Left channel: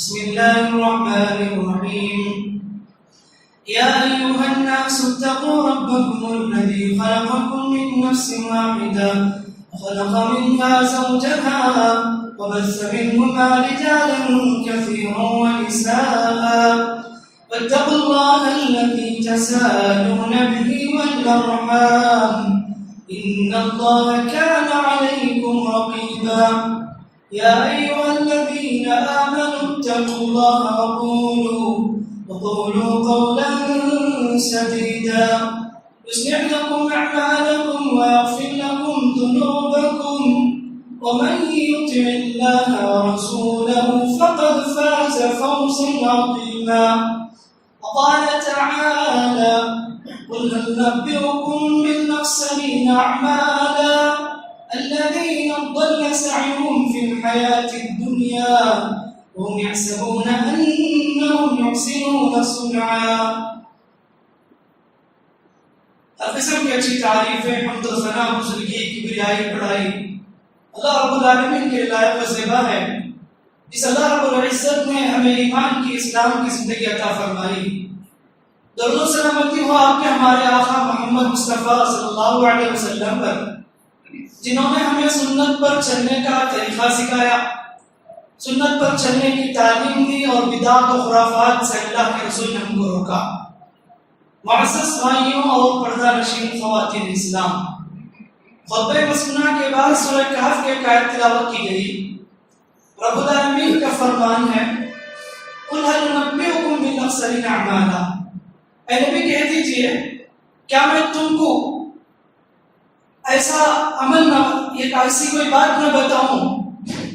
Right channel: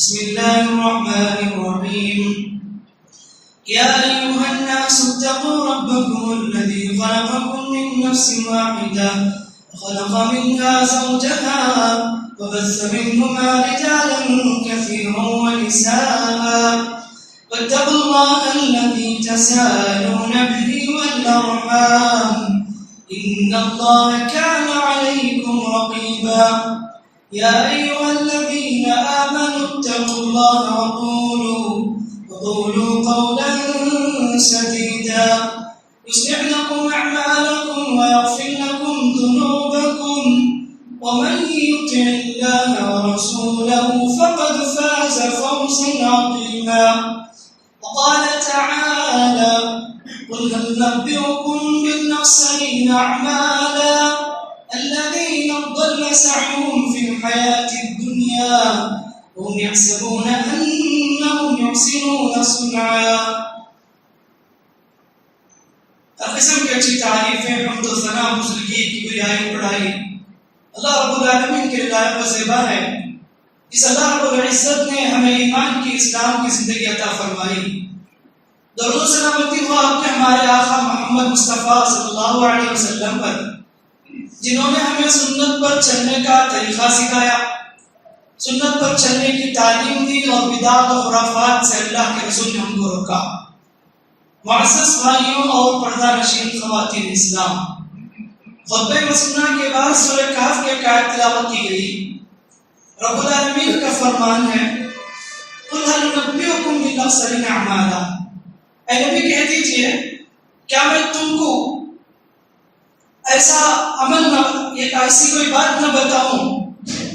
بسم الله الرحمن الرحيم يا أيها الناس اتقوا ربكم الذي خلقكم من نفس واحدة وخلق منها زوجها وبث منهما رجالا كثيرا ونساء واتقوا الله الذي تساءلون به والأرحام إن الله كان عليكم رقيبا يا أيها الذين آمنوا اتقوا الله وقولوا قولا سديدا يصلح لكم أعمالكم ويغفر لكم ذنوبكم ومن يطع الله ورسوله فقد فاز فوزا عظيما وقال تعالى قل هل ننبئكم بالأخسرين أعمالا الذين ضل سعيهم في الحياة الدنيا وهم يحسبون أنهم يحسنون صنعا. ہر قسم کی اچھی تعریفیں حمد و ثنا بزرگی کبریائی بڑائی اللہ رب العالمین کے لائق و زیبا ہے. جس اللہ رب العزت نے ہمیں ایمان کی اسلام کی زندگی عطا فرمائی. درود و سلامتی ہو آپ کے ہمارے آقا محمد مصطفیٰ صلی اللہ علیہ وسلم پر جنہوں نے ہمیں سنت پر چلنے کا طریقہ سکھایا, سنت پر چلنے کی تعلیم دی اور بدعت و خرافات سے اللہ کے رسول نے ہم کو روکا. معزز بھائیوں اور پردہ نشین خواتین اسلام, خطبہ مسنہ کے بعد سورہ کہف کے آیت تلاوت کی گئی. رب العالمین کا فرمان ہے قل هل ننبئكم بالأخسرين أعمالا, اے نبی کہہ دیجئے کیا میں تم کو ایسا عمل نہ, ایسی کوئی بات نہ بتاؤں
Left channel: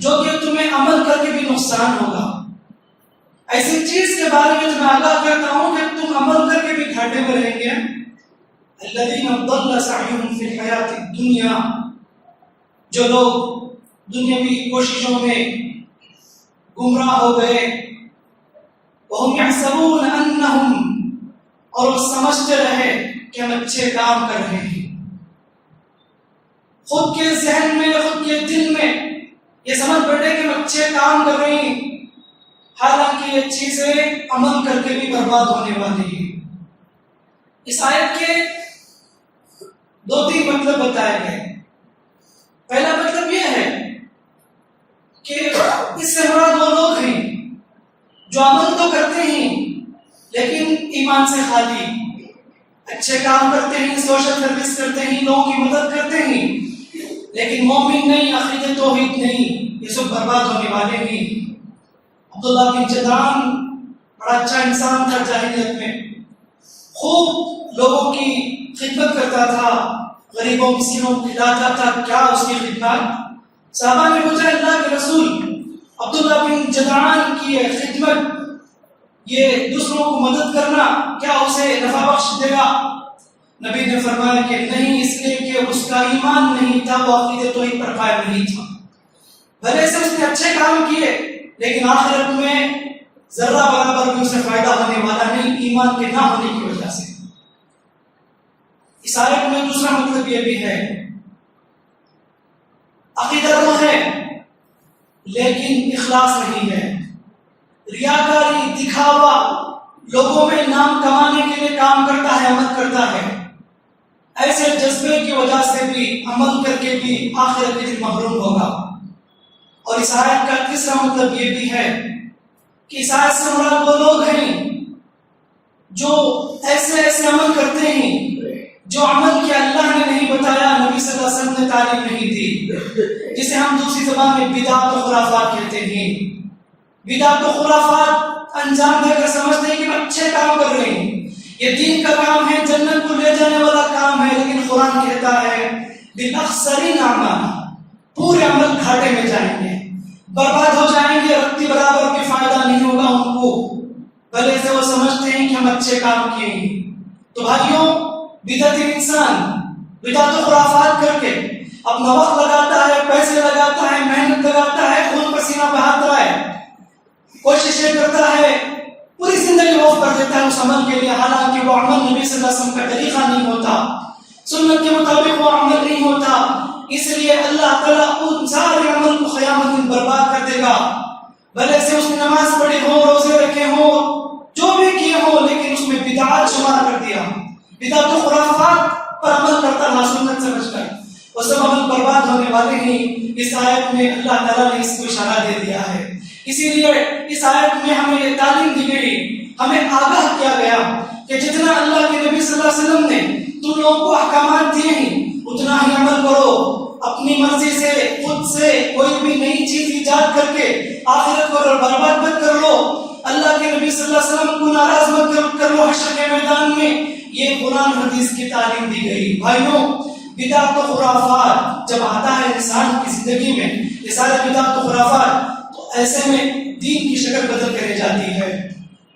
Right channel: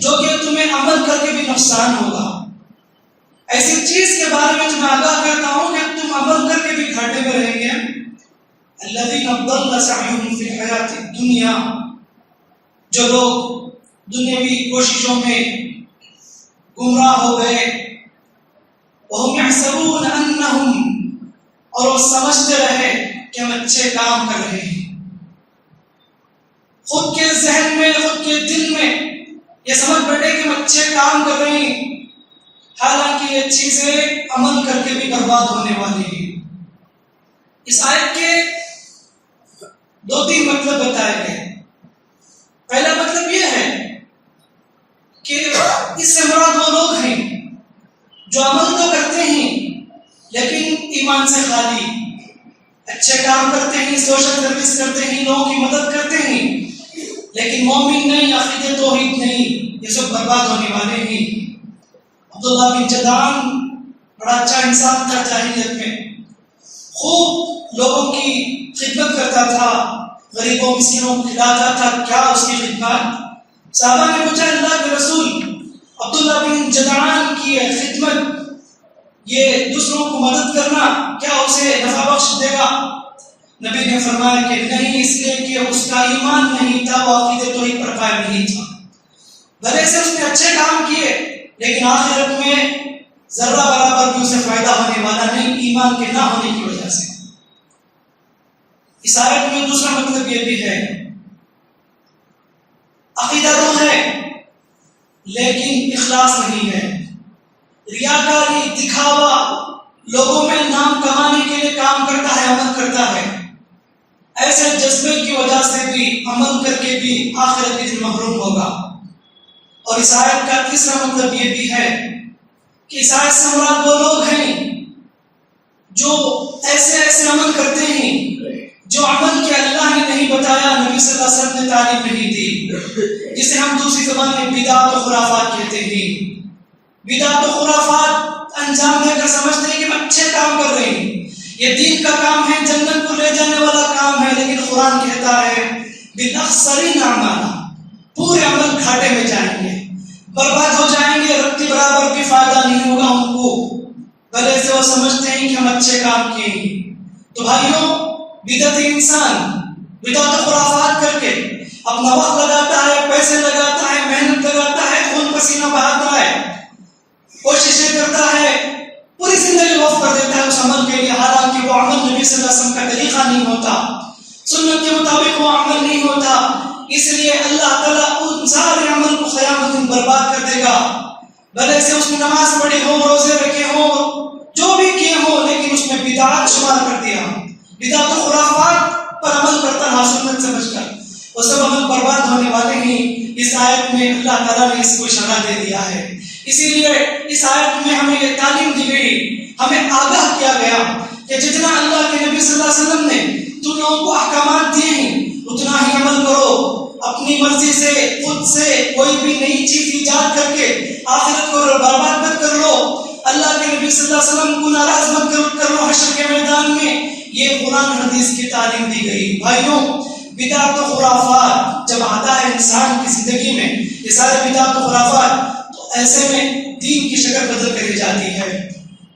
جو کہ تمہیں عمل کر کے بھی نقصان ہوگا, ایسی چیز کے بارے میں تمہیں آگاہ کرتا ہوں کہ تم عمل کر کے بھی گھاٹے میں رہیں گے. الذین ضل سعیهم فی الحیاۃ الدنیا, جو لوگ دنیاوی کوششوں میں گمراہ ہو گئے, وهم یحسبون انہم, اور وہ سمجھتے رہے کہ ہم اچھے کام کر رہے ہیں. خود کے ذہن میں, خود کے دل میں یہ سمجھ بیٹھے کہ ہم اچھے کام کر رہے ہیں, حالانکہ یہ چیزیں عمل کر کے بھی برباد ہونے والی ہیں. اس آیت کے دو تین مطلب بتائے گئے. پہلا مطلب یہ ہے کہ اس سے مراد وہ لوگ ہیں جو عمل تو کرتے ہیں لیکن ایمان سے خالی, اچھے کام کرتے ہیں, سوشل سروس کرتے ہیں, لوگوں کی مدد کرتے ہیں, لیکن مومن نہیں, عقیدہ توحید نہیں, یہ سب برباد ہونے والے ہیں. عبداللہ بن جدعان بڑا اچھا انسان تھا جاہلیت میں, خوب لوگوں کی خدمت کرتا تھا, غریبوں مسکینوں کو کھلاتا تھا. کیا اس کی خدمت؟ صحابہ نے پوچھا اللہ کے رسول, عبداللہ بن جدعان کی خدمت, یہ دوسروں کو مدد کرنا, کیا اسے نفع بخش دے گا؟ نبی نے فرمایا کہ نہیں, اس لیے کہ اس کا ایمان نہیں تھا, وہ عقیدہ توحید پر قائم نہیں تھا. بھلے سے اس نے اچھے کام کیے لیکن آخرت میں ذرہ برابر بھی اسے فائدہ ہونے والا نہیں, ایمان کے نہ ہونے کی وجہ سے. اس آیت میں دوسرا مطلب یہ بھی ہے, عقیدہ تو ہے لیکن اخلاص نہیں ہے, ریاکاری, دکھاوا, لوگوں میں نام کمانے کے لیے کام کرتا ہے, عمل کرتا ہے. ایسے جذبے کی وجہ سے بھی عمل کر کے بھی آخرت کے دن محروم ہوگا. اور اس آیت کا تیسرا مطلب یہ بھی ہے کہ اس آیت سے مراد وہ لوگ ہیں جو ایسے عمل کرتے ہیں جو عمل کے اللہ نے نہیں بتایا, نبی صلی اللہ علیہ وسلم نے تعلیم نہیں دی, جسے ہم دوسری زبان میں بدعت و خرافات کہتے ہیں. بدعت و خرافات انجام دے کر سمجھتے ہیں کہ ہم اچھے کام کر رہے ہیں, یہ دین کا کام ہے, جنت کو لے جانے والا کام ہے, لیکن قرآن کہتا ہے بالأخسرین اعمالا, پورے عمل گھاٹے میں جائیں گے, برباد ہو جائیں گے, رتی برابر بھی فائدہ نہیں ہوگا ان کو, بھلے سے وہ سمجھتے ہیں کہ ہم اچھے کام کیے ہیں. تو بھائیوں, بدعتی انسان بدعت و خرافات کر کے اپنا وقت لگاتا ہے, پیسے لگاتا ہے, محنت لگاتا ہے, خون پسینہ بہاتا ہے, کوششیں کرتا ہے, پوری زندگی وقف کر دیتا ہے اس عمل کے لیے, حالانکہ وہ عمل نبی صلی اللہ علیہ وسلم کا طریقہ نہیں ہوتا, سنت کے مطابق وہ عمل نہیں ہوتا. اس لیے اللہ تعالیٰ ان سارے عمل کو قیامت دن برباد کر دے گا. بھلے سے اس نے نماز پڑھی ہو، روزے رکھے ہو، جو بھی کیے ہو، لیکن اس میں بدعات شمار کر دیا، بدعت و خرافات پر عمل کرتا رہا سنت سے بچ کر، وہ سب عمل برباد ہونے والے ہیں۔ اس آیت میں اللہ تعالیٰ نے اس کو اشارہ دے دیا ہے۔ اسی لیے اس آیت میں ہمیں یہ تعلیم دی گئی، ہمیں آگاہ کیا گیا کہ جتنا اللہ کے نبی صلی اللہ علیہ وسلم نے تم لوگوں کو احکامات دیے ہیں اتنا ہی عمل کرو۔ اپنی مرضی سے خود سے کوئی بھی نئی چیز ایجاد کر کے آخرت کو برباد مت کر لو، اللہ کے نبی صلی اللہ علیہ وسلم کو ناراض مت کر لو حشر کے میدان میں۔ یہ قرآن حدیث کی تعلیم دی گئی۔ بھائیوں، بدعت و خرافات جب آتا ہے انسان کی زندگی میں، یہ سارے بدعت و خرافات، تو ایسے میں دین کی شکل بدل کر جاتی ہے۔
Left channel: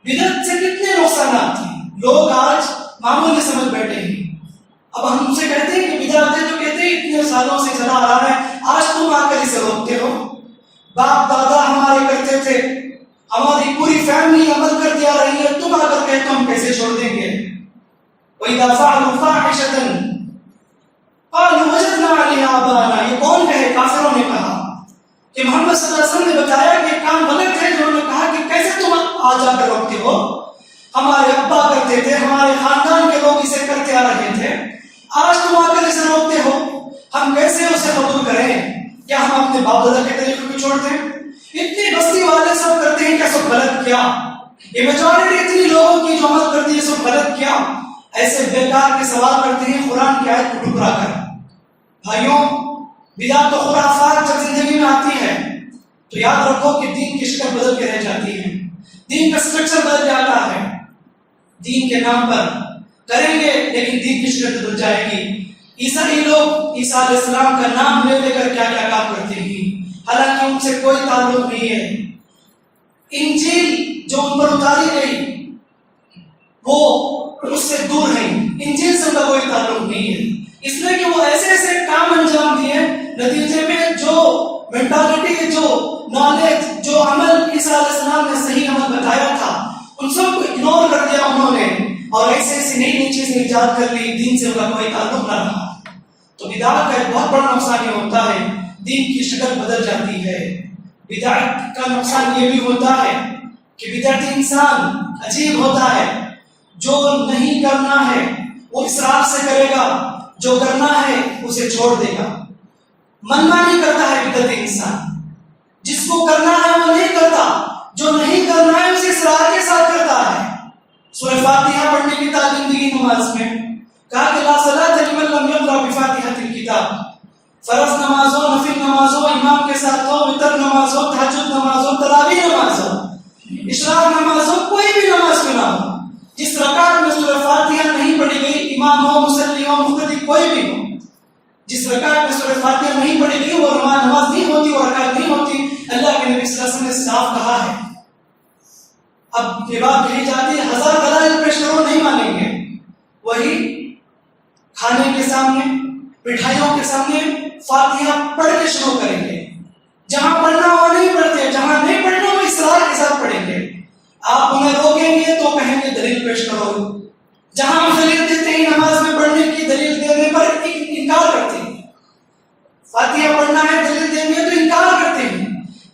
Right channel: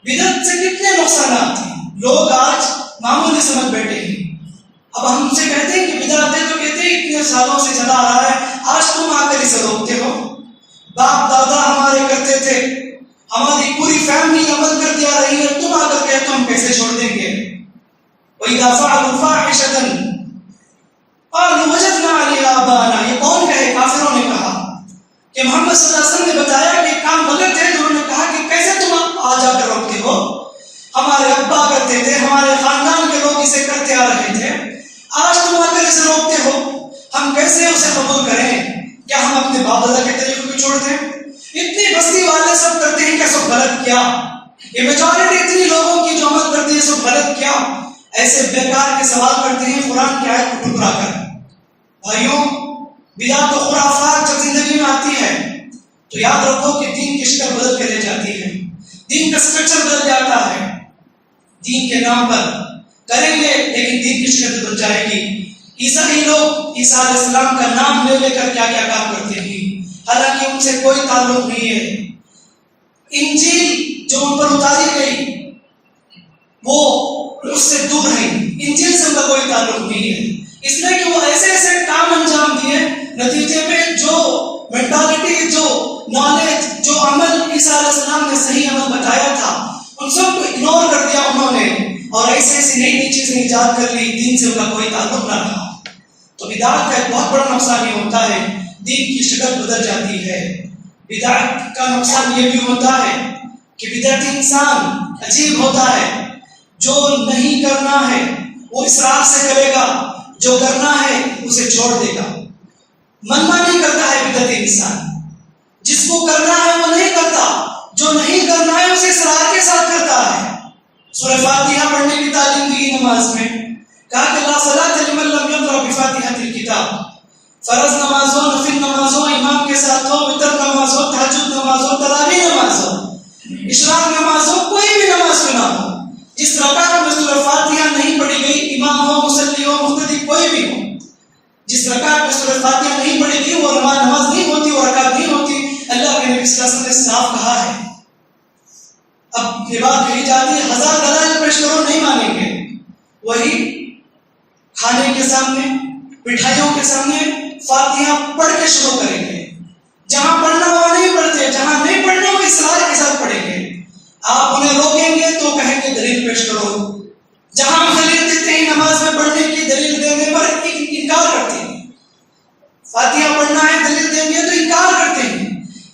بدعت سے کتنے نقصانات ہیں، لوگ آج معمولی سمجھ بیٹھے ہیں۔ اب ہم سے کہتے ہیں کہ بدعت ہے، تو کہتے ہیں اتنے سالوں سے چلا آ رہا ہے، آج تم آ کر اسے روکتے ہو۔ باپ دادا ہمارے کرتے تھے، ہماری پوری فیملی عمل کرتی آ رہی ہے، تم آ کر کہتے ہم کیسے چھوڑ دیں گے؟ وَإِذَا فَعَلُوا فَاحِشَةً قَالُوا وَجَدْنَا عَلَيْهَا آبَاءَنَا، یہ کون کہے؟ کافروں نے کہا کہ محمد صلی اللہ علیہ وسلم نے بتایا کہ کام غلط ہے، انہوں نے کہا کہ کیسے تم آ جا کر روکتے ہو؟ ہمارے ابا کرتے تھے، ہمارے خاندان کے لوگ اسے کرتے آ رہے تھے، آج تم آ کر اسے روکتے ہو، ہم کیسے اسے قبول کریں؟ کیا ہم اپنے باپ دادا کے طریقے کو چھوڑ دیں؟ اتنی بستی والے سب کرتے ہیں، کیا سب غلط کیا؟ یہ میجورٹی اتنی لوگوں کی جو عمل کرتی ہے سب غلط کیا؟ ایسے بیکار کے سوال کرتے ہیں قرآن کی آیت کو ٹکرا کر۔ بھائیوں، بدعت و خرافات جب زندگی میں آتی ہے تو یاد رکھو کہ دین کی شکل بدل کے رہ جاتی ہے، دین کا اسٹرکچر بدل جاتا ہے۔ دین کے نام پر کریں گے لیکن دین کی شکل بدل جائے گی۔ عیسائی لوگ عیسیٰ علیہ السلام کا نام لے کر کیا کیا کام کرتے ہیں، حالانکہ ان سے کوئی تعلق نہیں ہے۔ انجیل جو ان پر اتاری گئی وہ اس سے دور ہے، انجیل سے ان کا کوئی تعلق نہیں ہے، اس لیے کہ وہ ایسے ایسے کام انجام دیے، نتیجے میں جو مینٹالٹی، جو نالج، جو عمل عیسیٰ علیہ السلام نے صحیح عمل بتایا تھا ان سب کو اگنور کر دیا انہوں نے، اور ایسے ایسی نئی نئی چیزیں ایجاد کر لی، دین سے ان کا کوئی تعلق نہ رہا۔ تو بدعت کا ایک بہت بڑا نقصان یہ ہوتا ہے، دین کی شکل بدل جاتی ہے۔ بدعت کا نقصان یہ بھی ہوتا ہے کہ بدعتی انسان عجیب ہوتا ہے، جو نہیں کرنا ہے وہ اسراف سے کرے گا، جو کرنا ہے اسے چھوڑ دے گا۔ منمانی کرتا ہے بدعتی انسان، جس کو کرنا ہے وہ نہیں کرتا، جو نہیں کرنا ہے اسے اصرار کے ساتھ کرتا ہے۔ سورہ فاتحہ پڑھنے کی تعلیم دی نماز میں، کہا کہ لا صلاۃ لمن لم یقرأ بفاتحۃ الکتاب۔ فرض نماز ہو، نفل نماز ہو، امام کے ساتھ ہو، وتر نماز ہو، تہجد نماز ہو، تراویح نماز ہو، اشراق نماز ہو، کوئی بھی نماز کیوں نہ ہو، جس رکعت میں سورہ فاتحہ نہیں پڑھی گئی، امام ہو، مصلی ہو، مقتدی کوئی بھی ہو، جس رکعت میں سورہ فاتحہ نہیں پڑھی گئی وہ نماز نہیں ہوتی، وہ رکعت نہیں ہوتی۔ اللہ کے نبی صلی اللہ علیہ وسلم نے صاف کہا ہے۔ اب یہ بات کہی جاتی ہے 1000 دلائل پیش کرو نہیں مانیں گے، وہی کھانے کے سامنے، مٹھائیوں کے سامنے فاتحہ پڑھ کے شروع کریں گے، جہاں پڑھنا وہ نہیں پڑھتے، جہاں نہیں پڑھنا وہ اصرار کے ساتھ پڑھیں گے۔ آپ انہیں روکیں گے تو کہیں گے دلیل پیش کرو، جہاں ہم دلیل دیتے ہیں نماز میں پڑھنے کی، دلیل دینے پر انکار کرتے ہیں۔ فاتحہ پڑھنا ہے دلیل دیں گے تو انکار کرتے ہیں،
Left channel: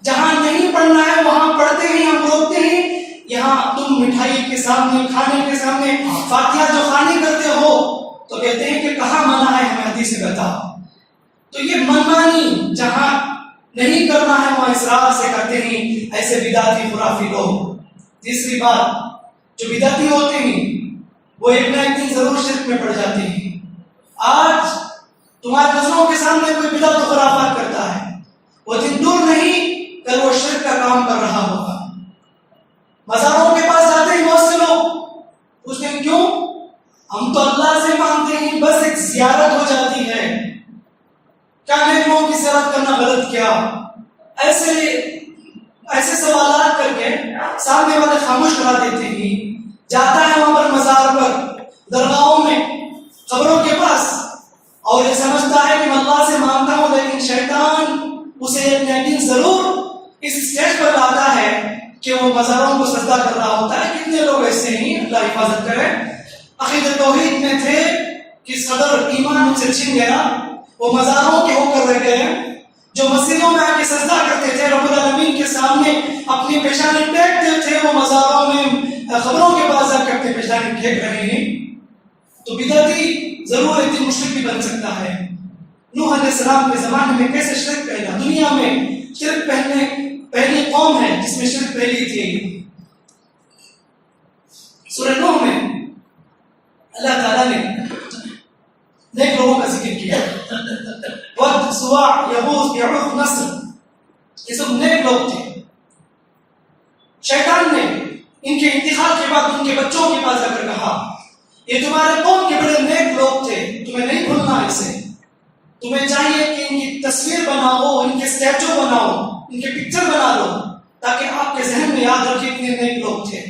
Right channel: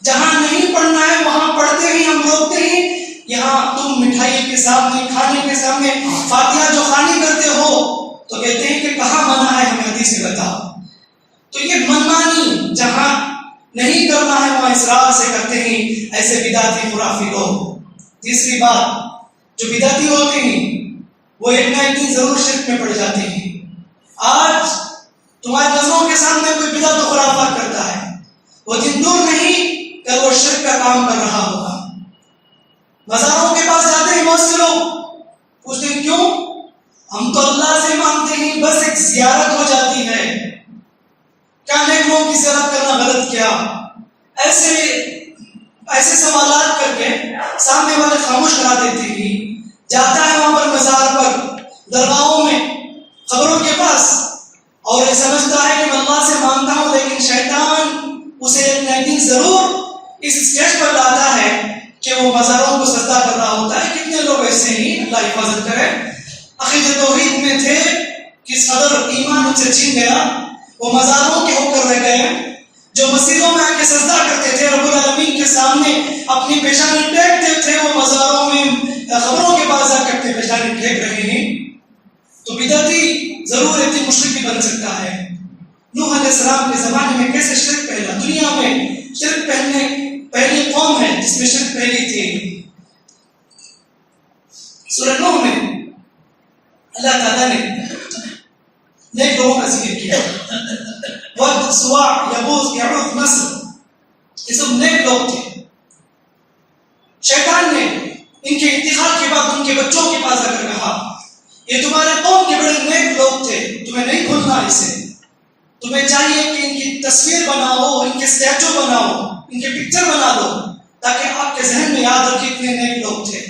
جہاں نہیں پڑھنا ہے وہاں پڑھتے ہیں، ہم روکتے ہیں۔ یہاں تم مٹھائی کے سامنے، کھانے کے سامنے فاتحہ جو خوانی کرتے ہو تو کہتے ہیں کہ کہاں منع ہے، ہمیں حدیث سے بتاؤ۔ تو یہ منمانی جہاں نہیں کرنا ہے وہاں اصرار سے کرتے ہیں ایسے بدعتی خرافی لوگ۔ تیسری بات، جو بدعتی ہوتے ہیں وہ ایک نہ ایک دن ضرور شرک میں پڑ جاتے ہیں۔ آج تمہاری نظروں کے سامنے کوئی بدعت و خرافات کرتا ہے، وہ دن دور نہیں کہ وہ شرک کا کام کر رہا ہوگا۔ مزاروں کے پاس جاتے ہیں بہت سے لوگ، پوچھتے ہیں کیوں؟ ہم تو اللہ سے مانتے ہیں، بس ایک زیارت ہو جاتی ہے، کیا نیک لوگوں کی زیارت کرنا غلط کیا؟ ایسے سوالات کر کے سامنے والے خاموش کرا دیتے ہیں۔ جاتا ہے وہاں پر مزار پر، درگاہوں میں، قبروں کے پاس، اور یہ سمجھتا ہے کہ میں اللہ سے مانتا ہوں، لیکن شیطان اسے ایک نہ ایک دن ضرور اس اسٹیج پر لاتا ہے کہ وہ مزاروں کو سجدہ کر رہا ہوتا ہے۔ کتنے لوگ ایسے ہیں، اللہ حفاظت کرے، عقیدۃ توحید میں تھے کہ صدر ایمان ان سے چھین گیا، وہ مزاروں کے ہو کر رہ گئے، جو مسجدوں میں آ کے سجدہ کرتے تھے، رب العالمین کے سامنے اپنی پیشانی ٹیکتے تھے، وہ مزاروں میں قبروں کے پاس جا کر پیشانی ٹھیک رہے ہیں، تو بدعتی ضرور ایک دن مشرک بھی بن سکتا ہے۔ نوح علیہ السلام کے زمانے میں کیسے شرک پھیلا؟ دنیا میں شرک پہلی قوم ہے جس میں شرک پھیلی تھی۔ سورہ نوح میں اللہ تعالیٰ نے نیک لوگوں کا ذکر کیا، ود، سواع، یغوث، یعوق، نصر، یہ سب نیک لوگ تھے۔ شیطان نے ان کے انتقال کے بعد ان کے بچوں کے پاس جا کر کہا یہ تمہارے قوم کے بڑے نیک لوگ تھے، تمہیں نہیں بھولنا اسے، تمہیں چاہیے کہ ان کی تصویر بناؤ، ان کے اسٹیچو بناؤ، ان کے پکچر بنا دو تاکہ آپ کے ذہن میں یاد رکھے اتنے نیک لوگ تھے۔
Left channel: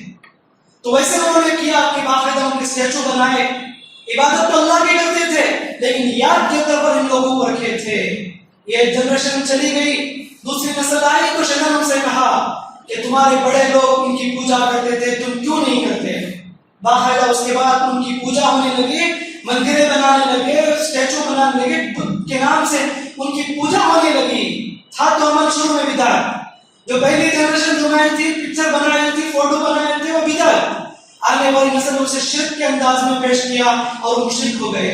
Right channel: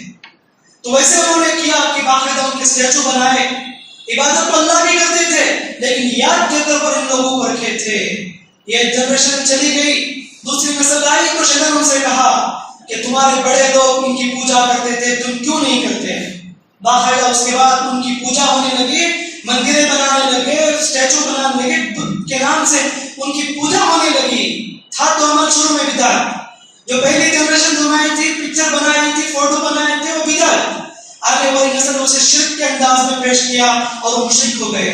تو ویسے انہوں نے کیا کہ باقاعدہ ان کے اسٹیچو بنائے، عبادت تو اللہ کی کرتے تھے لیکن یاد کے طور پر ان لوگوں کو رکھے تھے۔ یہ جنریشن چلی گئی، دوسری نسل آئی تو شیطان سے کہا کہ تمہارے بڑے لوگ ان کی پوجا کرتے تھے، تم کیوں نہیں کرتے؟ باقاعدہ اس کے بعد ان کی پوجا ہونے لگی، مندریں بنانے لگے، اسٹیچو بنانے لگے، بدھ کے نام سے ان کی پوجا ہونے لگی۔ تھا تو عمل شروع میں بدعت، جو پہلی جنریشن بنائی تھی، پکچر بنائی تھی، فوٹو بنائے تھے، وہ بدعت۔ آنے والی نسل اسے شرک کے انداز میں پیش کیا اور وہ مشرک ہو گئے۔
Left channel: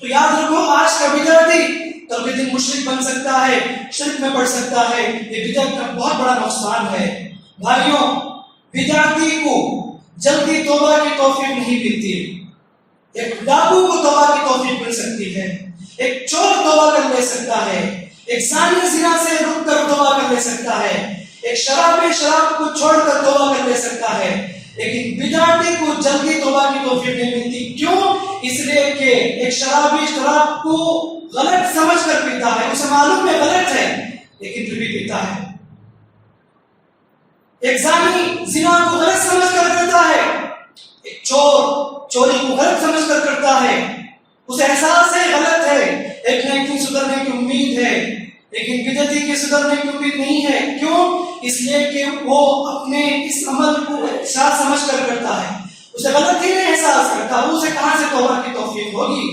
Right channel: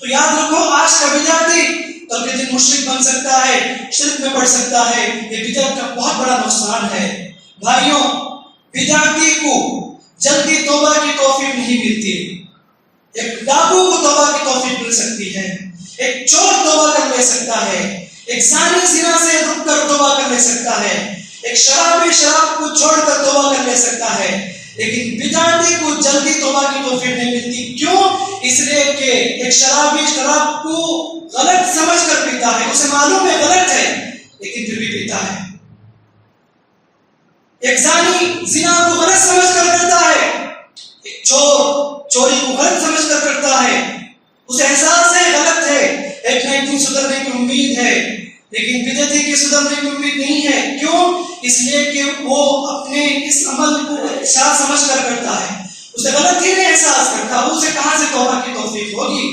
تو یاد رکھو آج کا بدعتی کل کے دن مشرک بن سکتا ہے، شرک میں پڑ سکتا ہے۔ یہ بدعت کا بہت بڑا نقصان ہے۔ بھائیوں، بدعتی کو جلدی توبہ کی توفیق نہیں ملتی۔ ایک ڈاکو کو توبہ کی توفیق مل سکتی ہے، ایک چور توبہ کر لے سکتا ہے، ایک زانی زنا سے رک کر توبہ کر لے سکتا ہے، ایک شرابی شراب کو چھوڑ کر توبہ کر لے سکتا ہے، لیکن بدعتی کو جلدی توبہ کی توفیق نہیں ملتی۔ کیوں؟ اس لیے کہ ایک شرابی شراب کو غلط سمجھ کر پیتا ہے، اسے معلوم ہے غلط ہے لیکن پھر بھی پیتا ہے۔ ایک زانی زنا کو غلط سمجھ کر کرتا ہے، ایک چور چوری کو غلط سمجھ کر کرتا ہے، اسے احساس ہے غلط ہے، ایک نہ ایک دن سدھرنے کی امید ہے، لیکن بدعتی کے سدھرنے کی امید نہیں ہے۔ کیوں؟ اس لیے کہ وہ اپنے اس عمل کو احساس سمجھ کر کرتا ہے، اسے غلط ہی نہیں احساس کرتا، اسے کہاں سے توبہ کی توفیق ہوگی؟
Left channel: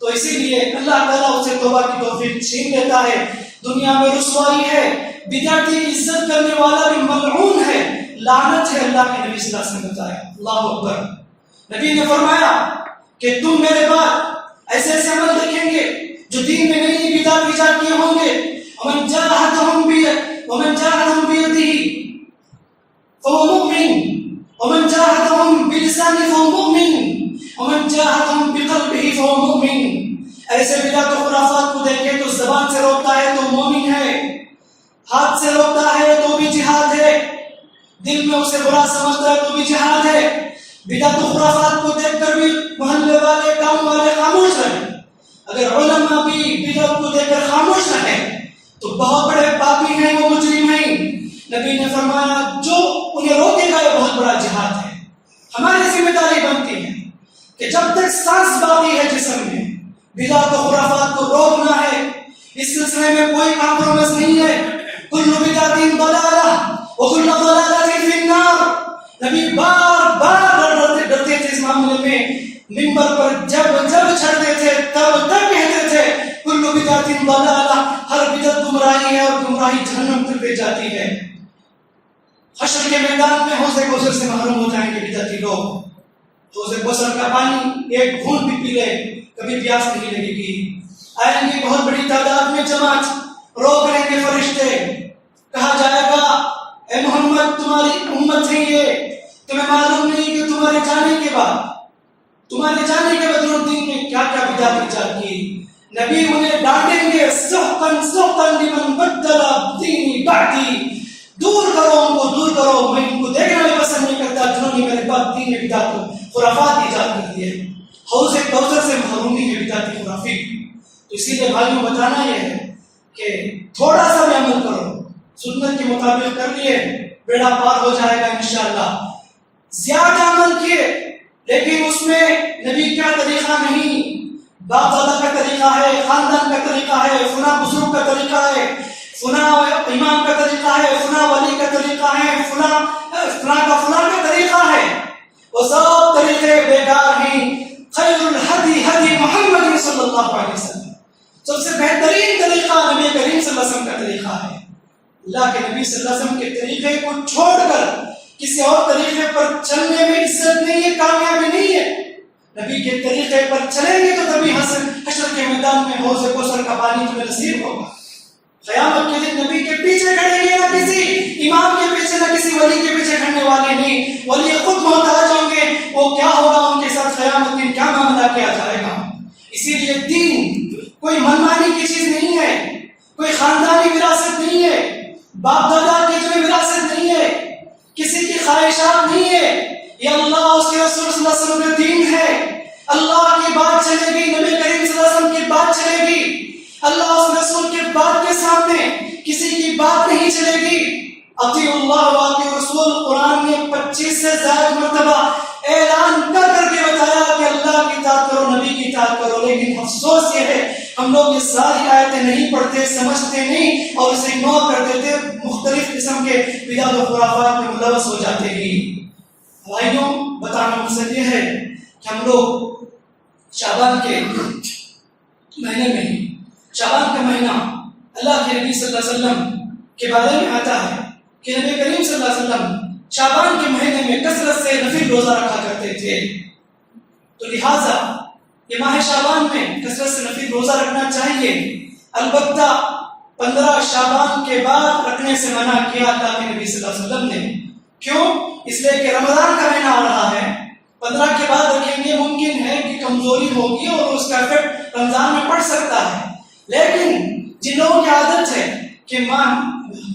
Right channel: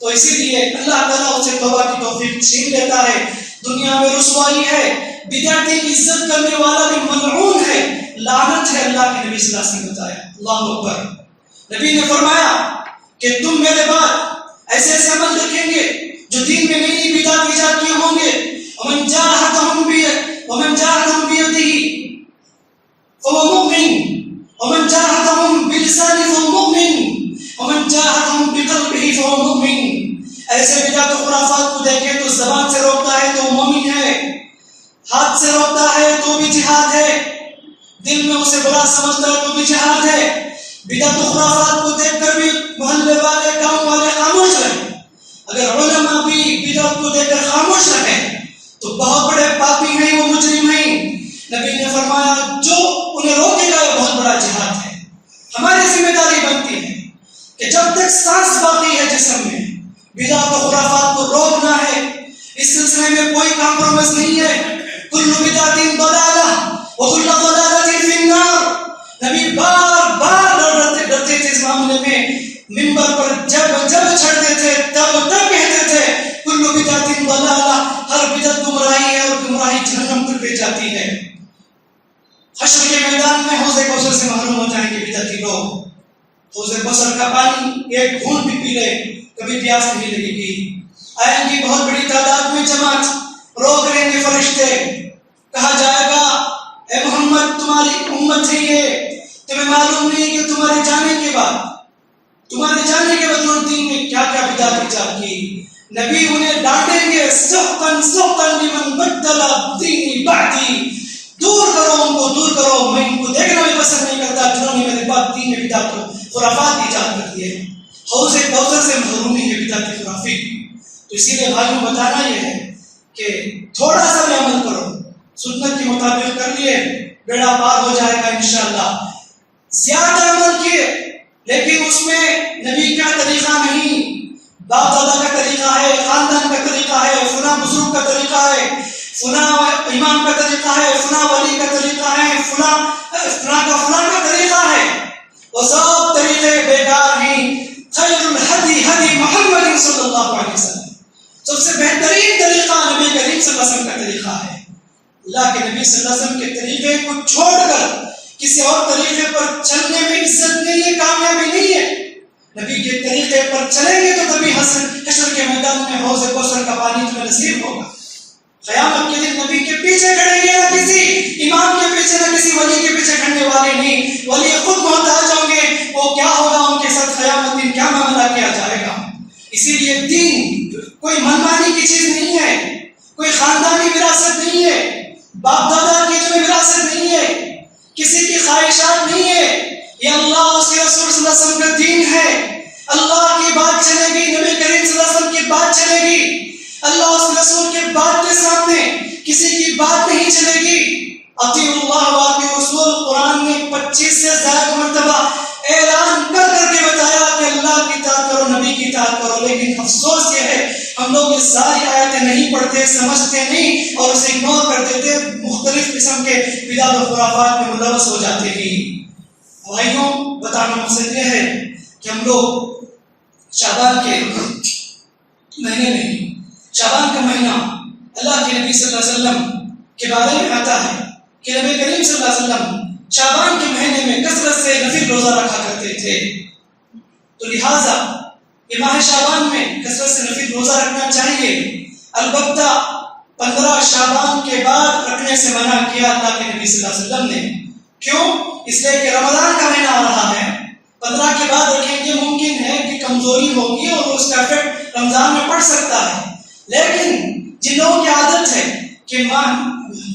تو اسی لیے اللہ تعالیٰ اسے توبہ کی توفیق چھین لیتا ہے۔ دنیا میں رسوائی ہے، بدعتی کی عزت کرنے والا بھی ملعون ہے، لعنت ہے۔ اللہ کے نبی صلی اللہ علیہ وسلم نے بتایا، اللہ اکبر، نبی نے فرمایا کہ تم میرے بعد ایسے ایسے عمل دیکھیں گے جو دین میں نئی نئی بدعت ایجاد کیے ہوں گے۔ ومن جاہدہم بیدہ فهو مؤمن، ومن جاہدہم بلسانہ فهو مؤمن، ومن جاہدہم بقلبہ فهو مؤمن۔ ایسے بدعت و خرافات کو دیکھے تو زبان سے روکتا ہے تو مومن ہے، ہاتھ سے روکتا ہے تو بھی جہاد ہے، دل میں اسے برا سمجھتا ہے تو بھی جہاد ہے۔ بدعت و خرافات کو دیکھ کر بھی محلے والے گاؤں والے خاموش رہے، اگر علماء بھی بدعت کو دیکھ کر خاموش رہے تو بہت بڑے پاپی ہیں، وہ مجرم ہیں۔ نبی نے فرمایا جو انہیں روکے گا یہ بہت بڑا جہاد ہے۔ ہماری ذمہ داری بنتی ہے کہ جب تک سانس باقی ہے جسم میں بدعت و خرافات کو روکنا ہے۔ اس سلسلے میں کوئی کمپرومائز نہیں ہے۔ کل بدعت ضلالہ وکل ضلالۃ فی النار۔ نبی بار بار ڈرتے تھے اس معاملے میں، منبر پر جب چھڑتے تھے تب کہتے تھے کل بدعت ضلالہ، ہر بدعت گمراہی ہے اور گمراہی جہنم تک لے جاتی ہے۔ حشر کے میدان میں حوض کوثر سے محروم ہو جائیں گے بدعتی لوگ۔ حوض کوثر کا پانی ایک گھونٹ بھی پی لے کبھی پیاس نہیں لگے گی۔ آئیں گی بہت بڑی تعداد میں جماعت، روک لیں گے فرشتے، کہا جائے گا اے محمد تمہاری امت ہے یہ، تمہیں معلوم نہیں کہ تمہارے جانے کے بعد انہوں نے دین میں کیا کیا بدعت ایجاد کی۔ نبی انہیں ڈانٹیں گے، سحقاً سحقاً لمن بدل دینی بعدی، دور کرو ان کو، دور کرو، میں ان کو دیکھنا بھی پسند نہیں کرتا جنہوں نے میرے بعد دین میں بدعت کو خرافات ایجاد کر دیے۔ حوض کوثر سے محرومی ہے بدعت خرافی۔ تو اسی لیے بھائیوں بتانا یہ ہے کہ تھوڑا سا بھی عمل کرو، سنت کے مطابق کر لیے بیڑا پار ہو جائے گا انشاءاللہ۔ زیادہ عمل کیے لیکن اس میں نبی کا طریقہ نہیں، باپ دادا کا طریقہ ہے، خاندان کا طریقہ ہے، فلاں بزرگ کا طریقہ ہے، فلاں امام کا طریقہ ہے، فلاں ولی کا طریقہ ہے، فلاں کا طریقہ ہے، وہ سب طریقے بیکار ہیں۔ خیر الہدی ہدی محمد صلی اللہ علیہ وسلم، سب سے بہترین طریقہ نبی کریم صلی اللہ علیہ وسلم کا طریقہ ہے۔ اللہ کے نبی صلی اللہ علیہ وسلم کے طریقے کو چھوڑ کر کسی اور طریقے پر چلنے میں عزت نہیں ہے، کامیابی نہیں ہے۔ نبی کے طریقے پر چلیں گے تو تبھی حشر کے میدان میں حوض کوثر کا پانی تمہیں نصیب ہوگا۔ قیامت کے دن نبی کے پیچھے کھڑیں گے، نہ کسی امام کے پیچھے، نہ کسی ولی کے پیچھے کھڑنے والے نہیں، ولی خود محتاج ہوں گے۔ وہ کیا ہوگا ان کے ساتھ قیامت دن، کیا معاملہ کیا جائے گا۔ اسی لیے دین کوئی منمانی کی چیز نہیں ہے، کوئی خاندانی وراثت نہیں ہے، باپ دادا کی جو وراثت نہیں ہے، کسی کی خواہشات نہیں ہے، یہ اللہ اور اس کے رسول صلی اللہ علیہ وسلم کا دین ہے۔ اللہ کی بات چلے گی، نبی کریم صلی اللہ علیہ وسلم کی بات چلے گی، اللہ اور اس کے رسول کی بات کے سامنے کسی کی بات نہیں چلے گی۔ اطیعوا اللہ و اطیعوا الرسول قرآن نے 25 سے زائد مرتبہ اعلان کر کے بتایا کہ اللہ کی اطاعت کرو، نبی کی اطاعت کرو، لیکن افسوس یہ ہے ہم لوگ یہ ساری آیتیں نہیں پڑھتے، سمجھتے نہیں اور اسے اگنور کر دیتے، مختلف قسم کے بدعت و خرافات میں ملوث ہو جاتے ہیں۔ بھائیوں، بتانا مقصد یہ ہے کہ ہم لوگ شعبان کے مہینے میں، شعبان کا مہینہ اللہ کے نبی صلی اللہ علیہ وسلم کے بارے میں آتا ہے کہ نبی کریم صلی اللہ علیہ وسلم شعبان کے مہینے میں کثرت سے نفل روزہ رکھا کرتے تھے، تو لہٰذا یہ ماہ شعبان میں کثرت سے نفل روزہ رکھنا چاہیے۔ البتہ 15 شعبان کے بعد رکھنے سے منع کیا اللہ کے نبی صلی اللہ علیہ وسلم نے۔ کیوں؟ اس لیے کہ رمضان کا مہینہ آ رہا ہے، 15 کے بعد رکھیں گے، ممکن ہے کہ کمزوری ہوگی اور اس کا افیکٹ رمضان میں پڑ سکتا ہے۔ لیکن جن لوگوں کی عادت ہے کہ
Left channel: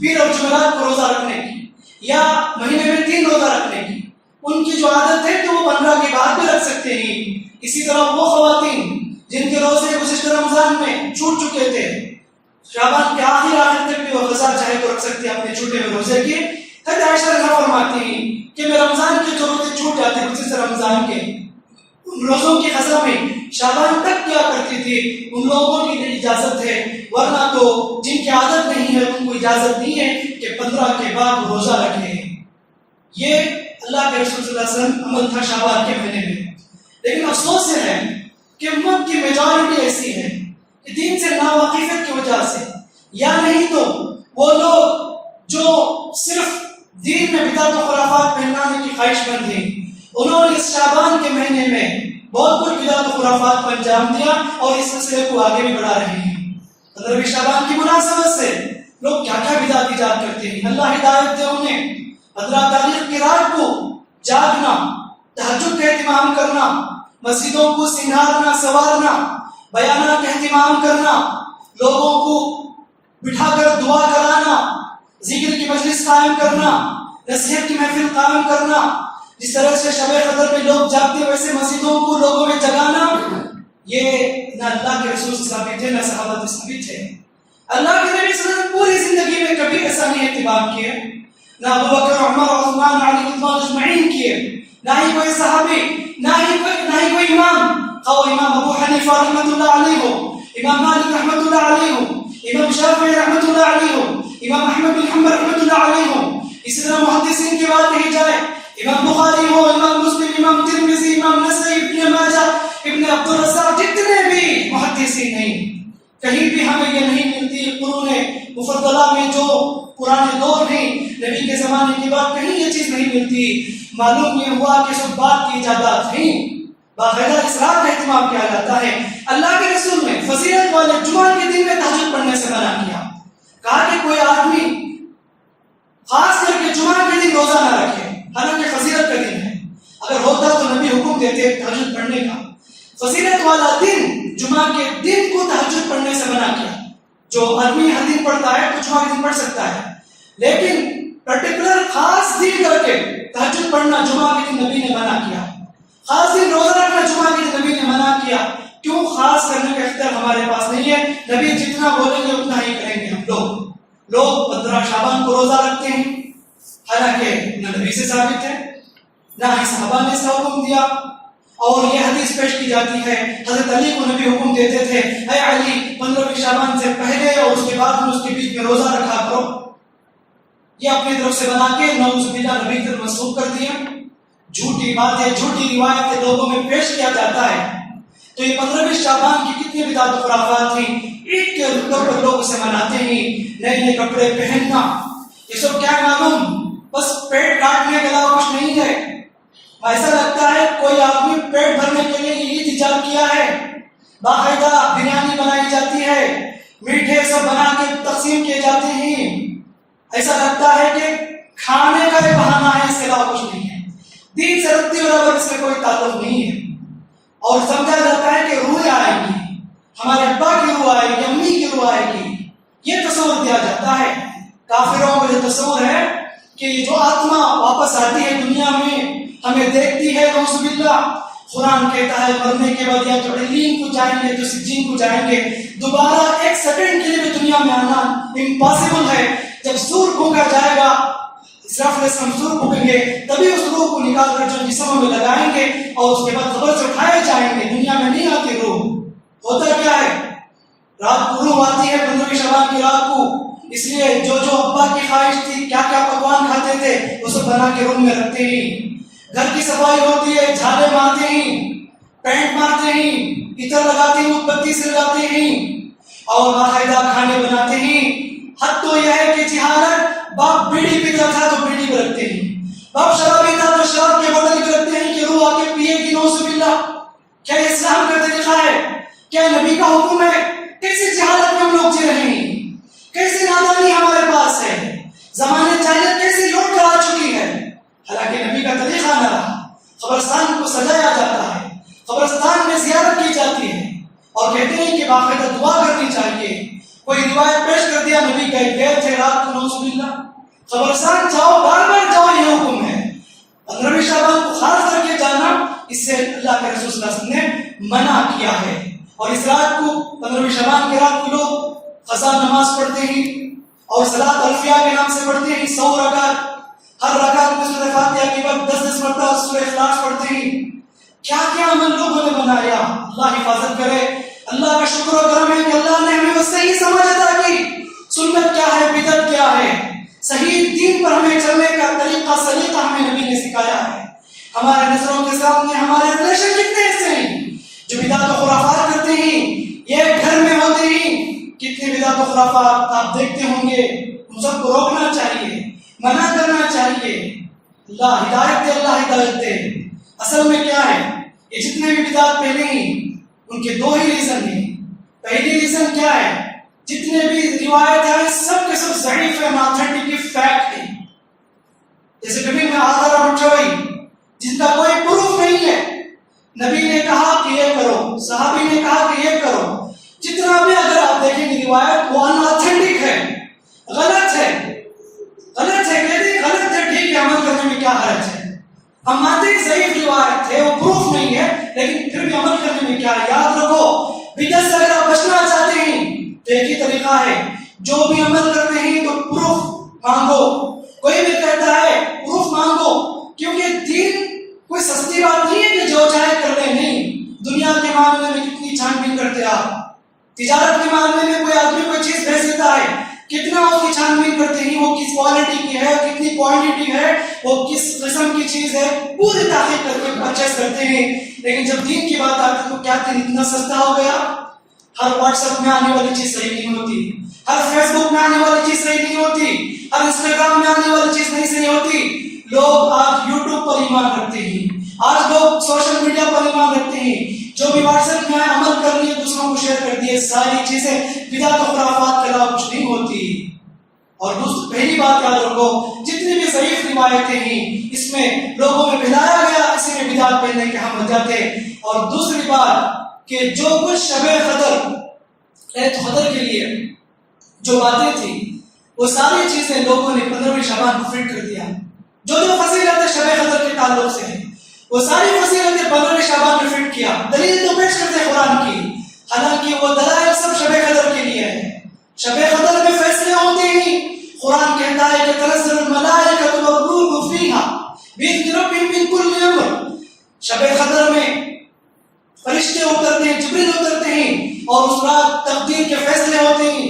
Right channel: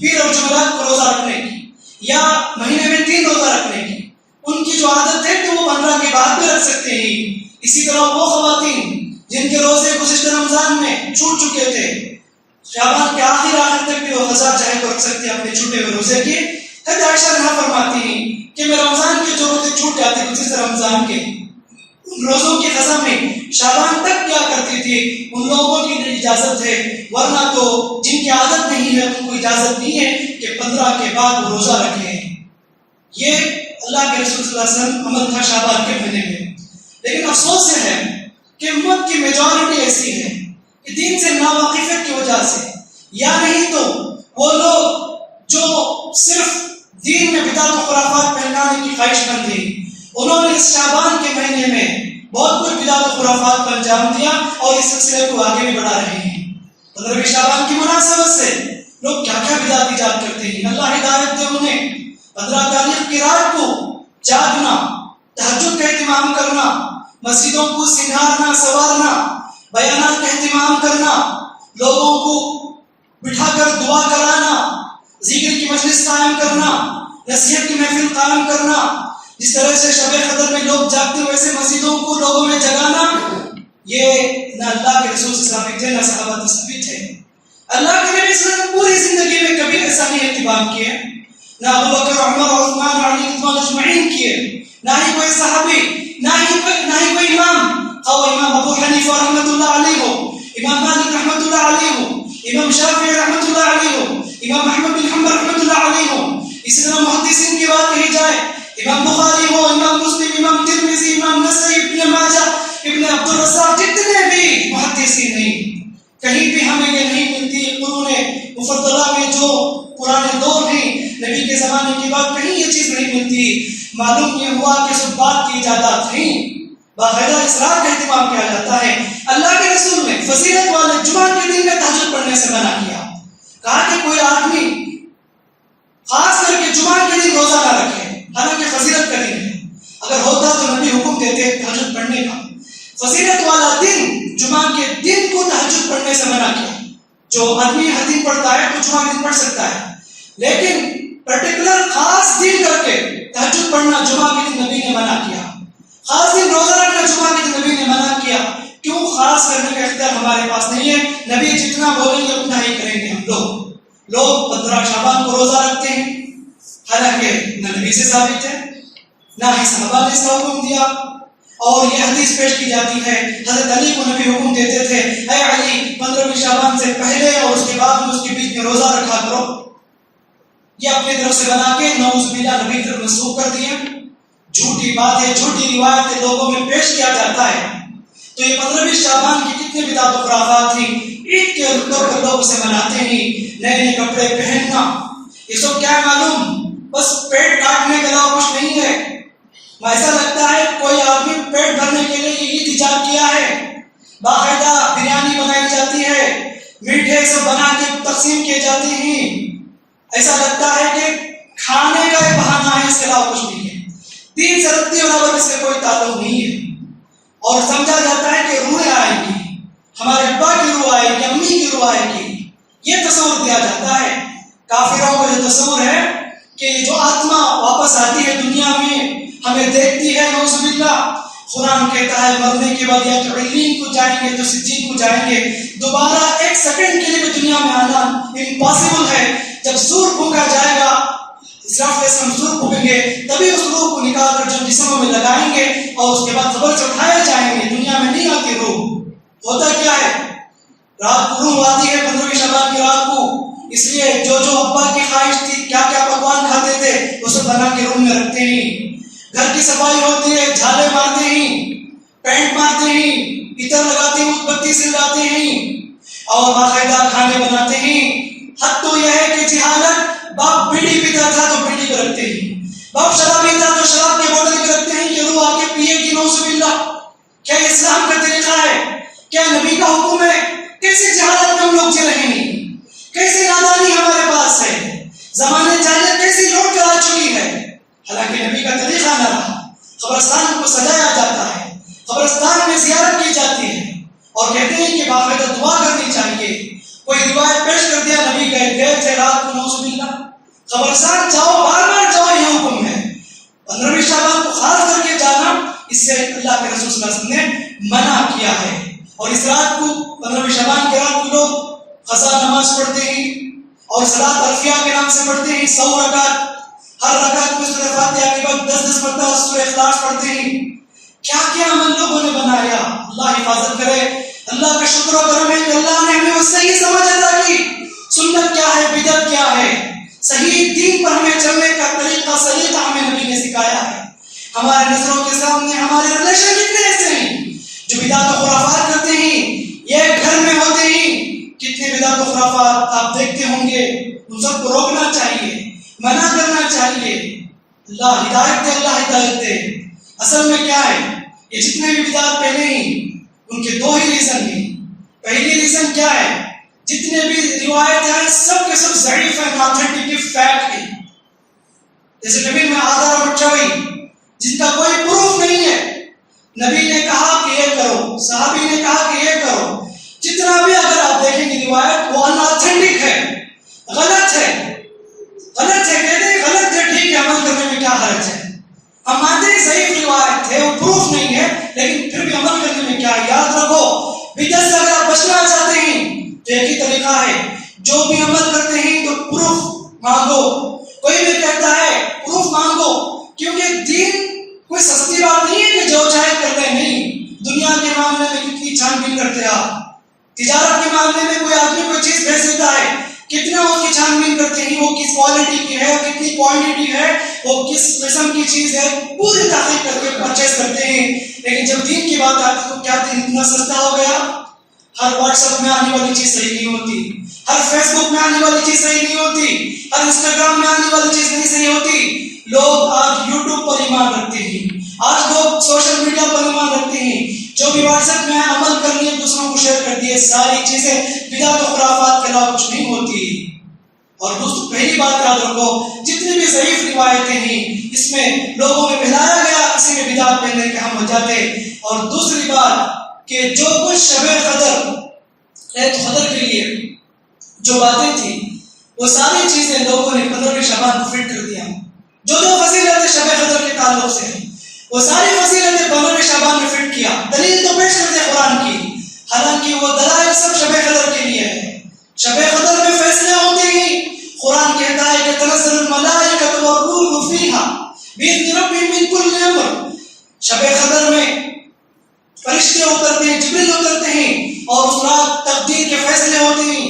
پیر اور جمعرات کو روزہ رکھنے کی یا مہینے میں 3 روزہ رکھنے کی، ان کی جو عادت ہے تو وہ 15 کے بعد بھی رکھ سکتے ہیں۔ اسی طرح وہ خواتین جن کے روزے گزشتہ رمضان میں چھوٹ چکے تھے، شعبان کے آخر تک بھی وہ قضا چاہے تو رکھ سکتی ہیں اپنے چھوٹے ہوئے روزے کی۔ حضرت عائشہ رضی فرماتی ہیں کہ میں رمضان کے جو روزے چھوٹ جاتے گزشتہ رمضان کے، ان روزوں کی قضا میں شعبان تک کیا کرتی تھی، ان لوگوں کی اجازت ہے، ورنہ تو جن کی عادت نہیں ہے ان کو اجازت نہیں ہے کہ 15 کے بعد وہ روزہ رکھیں۔ یہ اللہ کے رسول صلی اللہ علیہ وسلم عمل تھا شعبان کے مہینے میں۔ لیکن افسوس یہ ہے کہ امت کی میجورٹی ایسی ہے کہ دین سے ناواقفیت کی وجہ سے، یا نہیں تو وہ لوگ جو صرف دین میں بدعت و خرافات پھیلانے کی خواہش مند ہیں، انہوں نے اس شعبان کے مہینے میں بہت کچھ بدعت و خرافات پر انجام دیا اور اس سلسلے کو آگے بھی بڑھا رہے ہیں۔ 15 شعبان کی مناسبت سے لوگ کیا کیا بدعت ایجاد کرتے ہیں، اللہ ہدایت دے انہیں۔ 15 تاریخ کی رات کو جاگنا، تہجد کا اہتمام کرنا، مسجدوں کو سنگارنا سوارنا، بیانات کا اہتمام کرنا، لوگوں کو بٹھا کر دعا کرانا، ذکر کی مجلس قائم کرنا، نصیحت کی محفل قائم کرنا، جس طرح سے شب قدر میں لوگ جاگتے ہیں ویسے مسجدوں کو لوگوں میں جگانا، یہ نہ اللہ کے رسول سے ثابت ہے نہ صحابہ سے ثابت ہے۔ اللہ کے نبی صلی اللہ علیہ وسلم پوری زندگی میں کبھی ایسا نہیں اہتمام کیے، نہ ابو بکر، عمر، عثمان، علی رضوان اجمعین کیے، نہ ہی کوئی صحابی، نہ ہی کوئی امام، خواہ امام ابو حنیفہ رحمۃ اللہ علیہ ہو، امام مالک رحمۃ اللہ علیہ ہو، امام شافعی رحمۃ اللہ علیہ ہو، امام احمد بن حنبل رحمۃ اللہ علیہ ہو، اسی طرح محدثین کی بات کہی جائے، امام بخاری ہو، امام مسلم، امام ترمذی، امام نسائی، ابن ماجہ، ابن عبد الرزاق، جتنے بھی محدثین ہیں، کہیں بھی ہمیں یہ نہیں ملتی قرون مفضلہ میں جو پرانے دور ہیں، نبی کے زمانے کی بات کہیں یہ چیز نہیں ملتی۔ معلوم یہ ہوا کہ سب بات کی ایجادات ہیں، باقاعدہ اسرار کا اہتمام کیا جاتا ہے۔ اللہ کے رسول نے فضیلت والے جمعہ کے دن میں تہجد پڑھنے سے منع کیا، کہا کہ کوئی آدمی خاص کر کے جمعہ کے دن روزہ نہ رکھے، حالانکہ فضیلت کا دن ہے، اگر ہوتا تو نبی حکم دیتے تہجد پڑھنے کا۔ فضیلت والا دن جمعہ کے دن کو تہجد پڑھنے سے منع کیا۔ جو آدمی ہر دن پڑھتا ہے تو جمعہ کے دن پڑھ سکتا ہے، لیکن پرٹیکولر خاص دن کر کے تہجد پڑھنا جمعہ کے دن نبی نے منع کیا۔ خاص دن روزہ رکھنا جمعہ کے دن نبی نے منع کیا۔ کیوں؟ خاص کرنے کا اختیار ہمارے پاس نہیں ہے، نبی جتنا بولیں گے اتنا ہی کریں گے ہم لوگ 15 شعبان کو روزہ رکھتے ہیں، حالانکہ نہ نبی سے ثابت ہے نہ ہی صحابہ نے اس کا حکم دیا۔ اور یہ حدیث پیش کی جاتی ہے، حضرت علی کو نبی حکم دیتے تھے، اے علی 15 شعبان سے پہلے اور اس کے بعد میں اس کے بیچ میں روزہ رکھا کرو۔ یہ اپنی طرف سے بنا کے نعوذ باللہ نبی کی طرف منسوخ کر دیا۔ جھوٹی باتیں، جھوٹی روایتیں لوگوں میں پیش کیا جاتا ہے۔ تو یہ 15 شعبان کی کتنے بدعت و خرافات تھیں، عید کے طور پر لوگ اسے مناتے ہیں، نئے نئے کپڑے پہننا، یہ سب کیا معلوم، بس پیٹ کاٹنے کے علاوہ کچھ نہیں ہے۔ ایسا لگتا ہے کوئی آدمی پیٹ بھرنے کے لیے عید ایجاد کیا ہے، باقاعدہ بریانی بنائی جاتی ہے، میٹھے سب بنا کے تقسیم کیے جاتے ہیں، ایسا لگتا ہے کہ کھانے کا یہ بہانہ ہے، اس کے علاوہ کچھ نہیں ہے۔ دین سے رتی برابر اس کا کوئی تعلق نہیں ہے، اور سمجھا جاتا ہے کہ روح آئے گی، ہمارے ابا کی روح آئے گی، امی کی روح آئے گی، یہ تصور دیا جاتا ہے۔ کافروں کو یہ تصور ہے کہ جو آتما واپس آتی ہے دنیا میں ہمیں دیکھتی ہے، نعوذ باللہ، قرآن کہتا ہے مرنے کے بعد یا تو علین کو جائیں گے تو سجین کو جائیں گے، دوبارہ ایک سیکنڈ کے لیے بھی دنیا میں آنا امپاسبل ہے۔ جب سور پھونکا جائے گا، اسراف علیہ السلام سور پھونکیں گے، تبھی اس روح کو نکال کر جو جسموں میں لگائیں گے اور اس کے بعد قبر سے اٹھائے جائیں گے۔ دنیا میں نہیں آتی روح، ہوتا کیا ہے، رات کو روح آتی ہے 15ویں شعبان کی رات کو، اس لیے جو جو ابا کی خواہش تھی، کیا کیا پکوان کھاتے تھے، وہ سب بنا کے روم میں رکھتے ہیں۔ گھر کی صفائی ہوتی ہے، جھالے مارتے ہیں، پینٹ مارتے ہیں، عطر لگاتے ہیں، موم بتی سلگاتے ہیں، اور باقاعدہ کھانے بناتے ہیں۔ حد تو یہ ہے کہ جہالت، باپ بیڑی پیتا تھا تو بیڑی بھی رکھتے ہیں، باپ شراب پیتا تو شراب کی بوتل بھی رکھتے ہیں کہ روح آ کے پیے گی، نعوذ باللہ۔ کیا یہ اسلام کا طریقہ ہے؟ کیا نبی کا حکم ہے؟ کیسے جہالت میں ہم لوگ جی رہے ہیں، کیسی نادانی ہمارے پاس ہے، زمانے جاہلیت کیسی لوٹ کر آ چکی ہے۔ حالانکہ نبی کا طریقہ نہ رہا، قبرستان کو سجایا جاتا ہے، قبرستان میں زیارت کی جاتی ہے، اور کہتے ہیں کہ باقاعدہ دعا کرنی چاہیے۔ کوئی روایت پیش کر دیا نبی گئے تھے رات کو، نعوذ باللہ، قبرستان جاؤ، بار بار جاؤ، یہ حکم ہے۔ 15ویں شعبان کو خاص کر کے جانا، اس سے اللہ کے رسول صلی اللہ علیہ وسلم نے منع کیا ہے۔ اور اس رات کو 15ویں شعبان کے رات کو لوگ قضا نماز پڑھتے ہیں اور صلاۃ الفیہ کے نام سے پڑھتے ہیں 100 رکعت، ہر رکعت میں سورہ فاتحہ کے بعد 10 مرتبہ سورہ اخلاص پڑھتے ہیں۔ کیا کیا عمل لوگوں نے بنایا، اللہ حفاظت کرے۔ اللہ کا شکر و کرم ہے کہ اللہ نے ہمیں وہ صحیح سمجھ عطا کی، سنت کیا ہے، بدعت کیا ہے، صحیح دین پر ہمیں چلنے کا طریقہ سلیقہ ہمیں نبی نے سکھایا ہے۔ ہمارے نظروں کے سامنے ہمارے ریلیشن کتنے ایسے ہیں جو بدعت و خرافات کرتے ہیں، یہ گھر میں ہوتے ہیں، کتنے بدعت و خرافات آپ دیکھتے ہوں گے۔ ان سب کو روکنا چاہیے، منع کرنا چاہیے۔ اللہ ہدایت دے، اللہ ہدایت دے۔ اصل میں کیا ہے، یہ جتنے بھی بدعات پہلے ہیں ان کے دو ہی ریزن ہیں۔ پہلی ریزن کیا ہے، جتنے بھی روایت ہیں سب کے سب ضعیف ہیں، ناتھینٹک فیکٹ ہیں، جیسے نبی میں آدھار اور مچھوئی جن کا کوئی پروف نہیں ہے، نبی نے کہا کہ یہ کرو، صحابی نے کہا کہ یہ کرو، جتنا بھی اگر آپ دیکھیں گے روایت وہ اناتھینٹک ہے، غلط ہے، غلط ہے، کہتے ہیں غلط ہے، ٹھیک ہے، عمل کرنے میں کیا حرج ہے، ہم مانتے ہیں ضعیف روایت ہے، وہ پروف نہیں ہے، لیکن پھر بھی عمل کرنے میں کیا ہے۔ یاد رکھو، بدعت سے اگر آپ بچنا چاہتے ہیں تو ایک ہی طریقہ ہے، جو بھی عمل کرتے ہیں تو پروف مانگو۔ کوئی بھی کہتا ہے پروف مانگو، کیونکہ دین کوئی سستی بات نہیں ہے کہ جو چاہے کر لیں، نہیں۔ دنیا کے معاملے میں کتنی چھان بین کرتے آپ، تجارت کے معاملے میں کوئی آدمی کوئی چیز بھیج دیتا ہے، کتنا اس کی چھان بین کرتے ہیں، وہ کس کوالٹی کی ہے، کتنی کوانٹٹی ہے، وہ کس قسم کی چیز ہے، پوری تحقیق کر کے پرچیز کرتے ہیں۔ لیکن جب دین کی بات آتی تو کیا دین اتنا سستا ہو گیا؟ ہر واٹس ایپ میں آنے والی چیز صحیح نہیں ہوتی، ہر فیس بک میں آنے والی چیز صحیح نہیں ہوتی، ہر انسٹاگرام میں آنے والی چیز نہیں صحیح ہوتی۔ لوگ آج یوٹیوب پر ایمان رکھتے ہیں، آج لوگ سوشل میڈیا پر ایمان رکھتے ہیں، جو بھی واٹس ایپ میں عمل کر لیے دوسروں کو شیئر کر دیے، ساری چیزیں بدعت و خرافات کے علاوہ کچھ نہیں ہوتی۔ اور پہلی بات یاد رکھو، جتنی بھی ضعیف روایتیں ہیں اس میں لوگوں میں پھیلایا گیا، کسی میں بدعت پہننے کے ہم ہو جاتے۔ اور دوسری بات کہ جو کچھ شب قدر کے لیے جو باتیں تھیں وہ ساری چیزیں لوگوں نے 15ویں شعبان کو فٹ کر دیا۔ جو فضیلتیں شب قدر کے تعلق سے ہیں وہ ساری فضیلتیں 15ویں شعبان میں فٹ کیا۔ دلیل تو پیش کرتے قرآن کی، حالانکہ وہ دلائل سب شب قدر کے لیے ہے۔ شب قدر میں فیصلے ہوتے ہیں، قرآن کہتا ہے کہ تنزل الملائکۃ والروح فیہا بإذن ربہم من کل امر۔ شب قدر میں فرشتے اترتے ہیں، جبریل اترتے ہیں، اور اس رات تقدیر کے فیصلے ہوتے ہیں،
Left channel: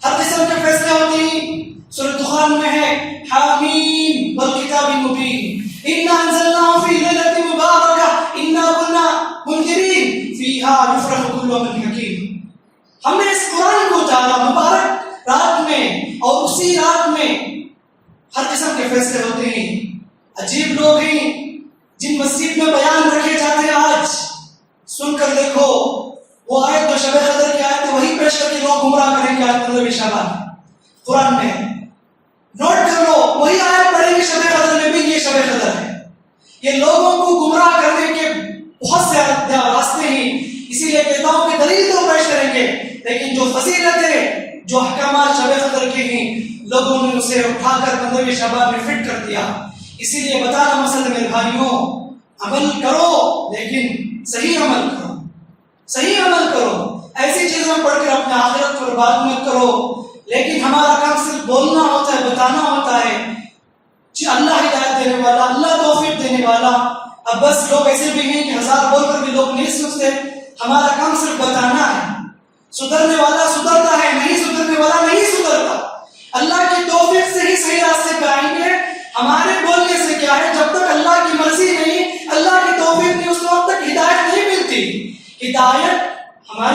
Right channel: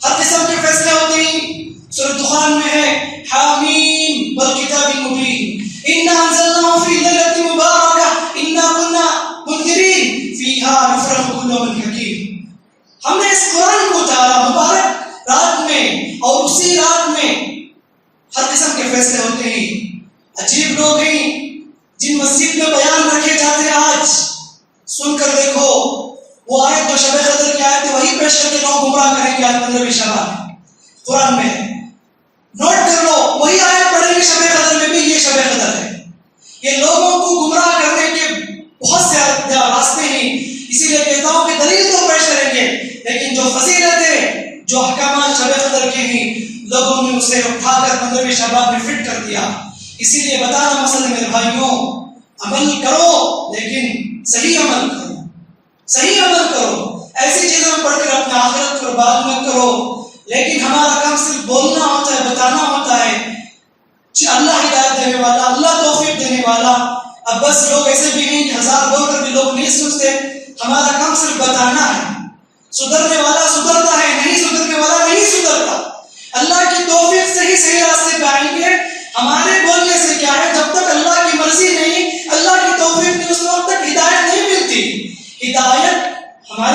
ہر قسم کے فیصلے ہوتے ہیں۔ سورۃ دخان میں ہے حامیم والکتاب المبین انا انزلناہ فی لیلۃ مبارکہ انا کنا منذرین فیہا یفرح کل امر حکیم۔ ہم نے اس قرآن کو اتارا مبارک رات میں، اور اسی رات میں لوگ ہیں جن مسجد میں بیان رکھے جاتے ہیں، آج سن کر دیکھو وہ آیت جو شب قدر کی آیت ہے وہی پیش کر کے لوگ گمراہ کریں گے، آیت 15 شعبان قرآن میں ہے، نوٹ کر لو، وہی آیت پڑھیں گے شب قدر میں بھی یہ شب قدر ہے۔ یہ لوگوں کو گمراہ کرنے کے بہت سے راستے ہیں، اسی لیے کہتا ہوں کہ دلیل تو پیش کریں گے، لیکن جو فضیلتیں جو احکامات شب قدر کے ہیں لوگوں نے اسے اٹھا کر 15 شعبان میں فٹ کر دیا۔ اسی لیے بتانا مسئلہ میرے بھائیوں، عمل کرو لیکن صحیح عمل کرو، صحیح عمل کرو، ایسی چیزوں میں پڑھ کر اپنے آخرت کو برباد مت کرو۔ لیکن ہمارا کام صرف بولنا ہوتا ہے، بتانا ہوتا ہے، اللہ ہدایت دینے والا، اللہ توفیق دینے والا۔ اب بس لوگ ایسے بھی ہیں کہ 1000 بول کر بھی لوگ نہیں سنتے، ہمارا کام صرف بتانا ہے، سدھرنے والا سدھرتا ہے، نہیں سدھرنے والا نہیں سدھرتا۔ اللہ کی توفیق سے ہی صحیح راستے پہ آئیں گے، ہمارے بولنے سے کیا ہے، جب تک اللہ کی مرضی نہیں، اللہ کی توفیق نہیں، اس وقت تک ہدایت نہیں ملتی۔ ہدایت ہمارے